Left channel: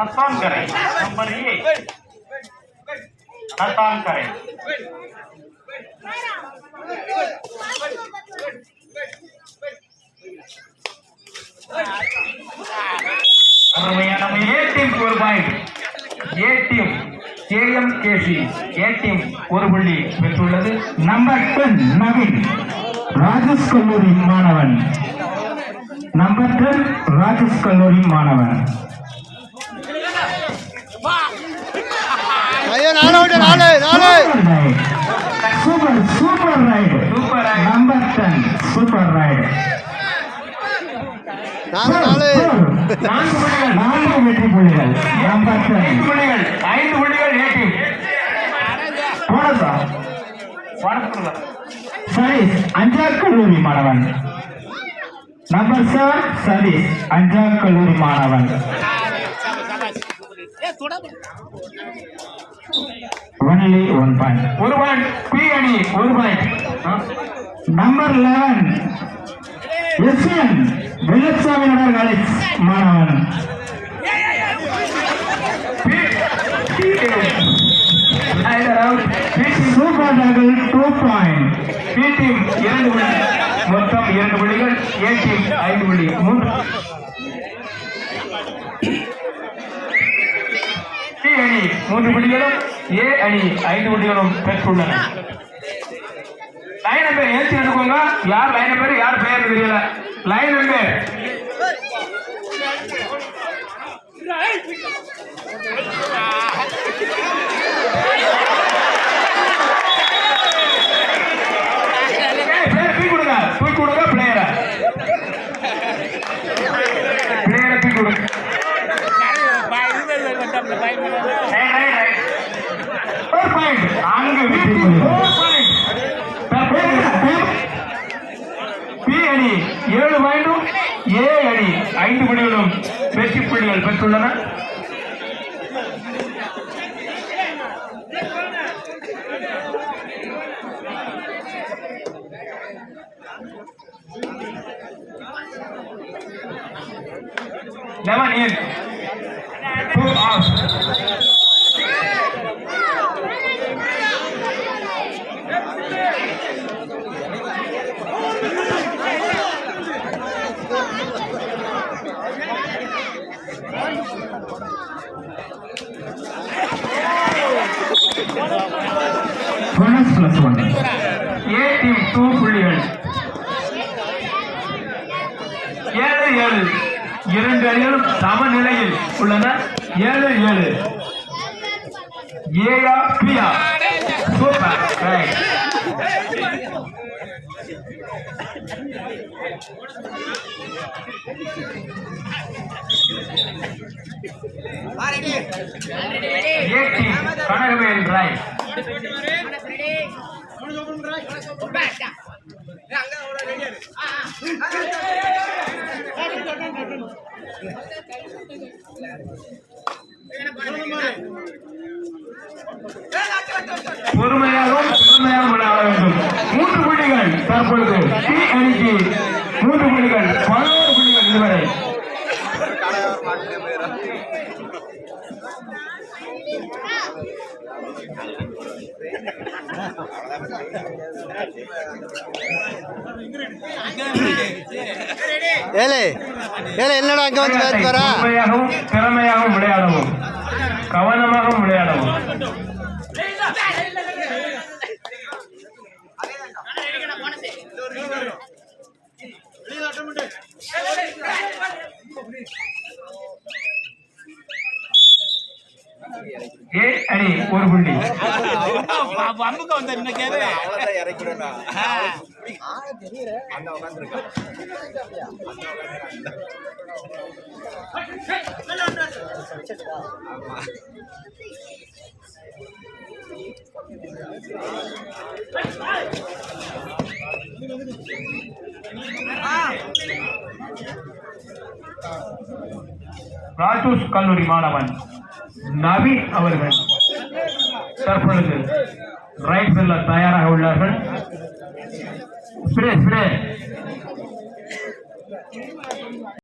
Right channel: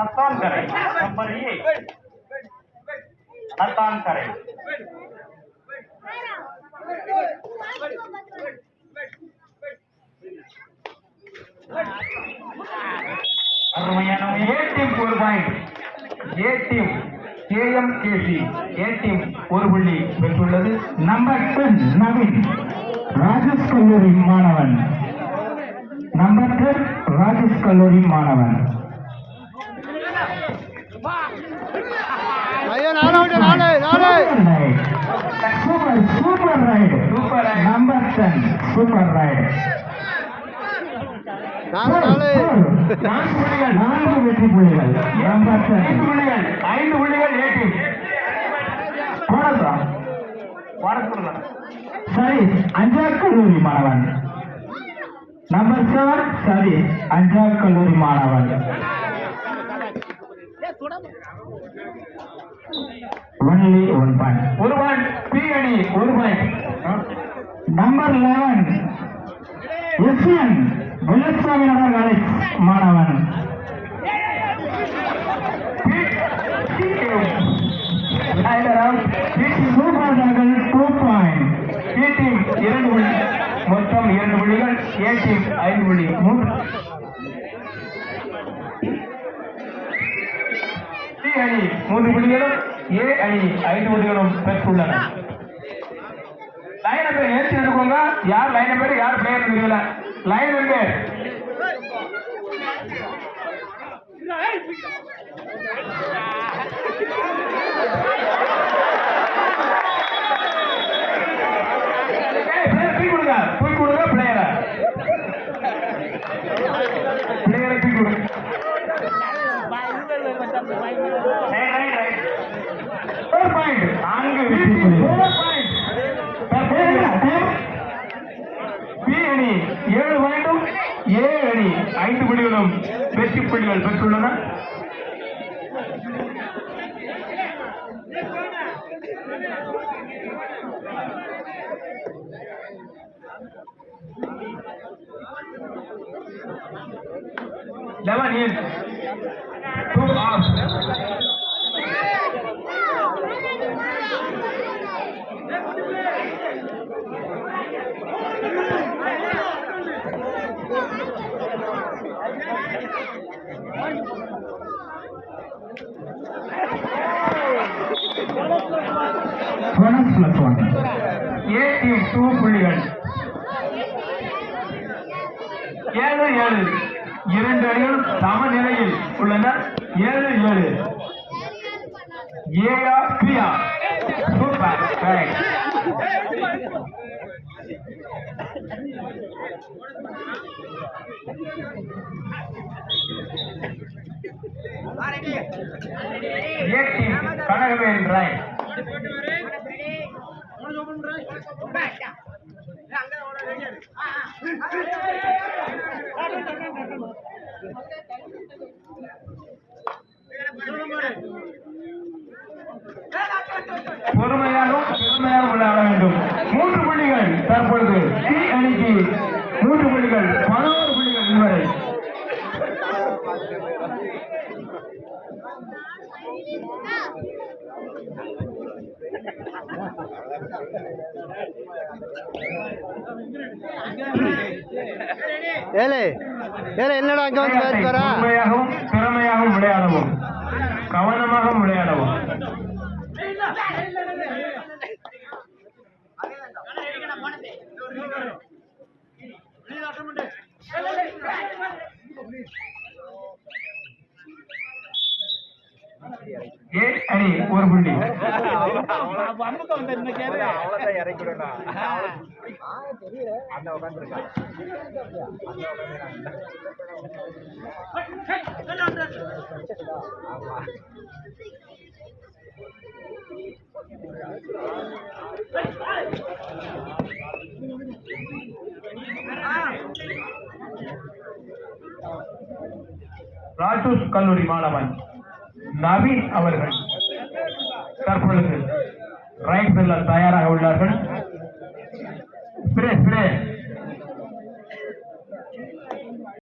हस्तान करें नंबर एक हस्तान करें A team KM KC A team ஒரு புள்ளி பெற்றுள்ளது. நம்பர் டென் நவீன் ராஜேஷ் கல்லூரி மாணவன். நம்பர் டென் ராஜேஷ் கல்லூரி மாணவன். Super super raid super raid. Number ten super raid நாலு நாலு நான்கு வெற்றி புள்ளிகள் நம்பர் டென் ஐந்து புள்ளிகள் ஐந்து புள்ளிகள் ஏ போனதா சதீஷ் அஞ்சார் கல்லூரி மாணவன் நம்பர் சார் சதீஷ் அஞ்சார் கல்லூரி மாணவன் ஒன்லி ஒன் பாயிண்ட் ஒரு பாயிண்ட் பி அணி ஒரு point number eleven SN Villusamy Nagar Malik மாணவன் சூப்பர் டீம் இரண்டு புள்ளி மொத்தம் இரண்டு புள்ளிகள். ஏ. டீம் ஐந்து புள்ளி மூன்று. சி அணி மூன்று புள்ளிகளும் ஏ அணி ஐந்து புள்ளிகளும் பெற்றுள்ளன. லைன் நம்பர் ஏற்றி எடுத்துக்கோங்க. யார் லைன் பேர் யார் பெயர் தெரியல. லைன் நம்பர் பிளேயர் தூக்கி கொடுங்க தூக்கி கொடுங்க பிளேயரை பிளேயரை தூக்கி கொடுங்க Right, right, right. Four point. நான்கு வெற்றி புள்ளி. Four point. பி அணி ஏழு பாயிண்டும் ஏ அணி ஐந்து புள்ளிகளும் வெற்றி புள்ளிகள் பெற்றுள்ளன Never in. Two off. Bonus plus one A team two புள்ளிகள் ஏழு ஏழு இரண்டு அணிகளும் சமநிலையில் உள்ளன. ஏழு ஏழு. ஏயா பியா super raid A team Kanagavel Rai பொறுமையாகவும் பெருமையாகவும் விளையாட வேண்டும். மூன்று புள்ளிகள் தற்பொழுது. சி அணிக்கு மூன்று புள்ளிகள். பதினோரு புள்ளிகள் இதுவரை ஏலே ஏலே என்னடா அங்க வந்து பேர் பாரா பொறுமையாகவும் திறமையாகவும் விளையாடவும். கவனமாகவும் விளையாடவும். ஏ அணி ஒரு புள்ளி. ராஜூஸ் கல்லூரி மாணவன் நவீன் அவர்கள் தற்பொழுது ரைட் செல்ல தயாராக உள்ளார்கள்.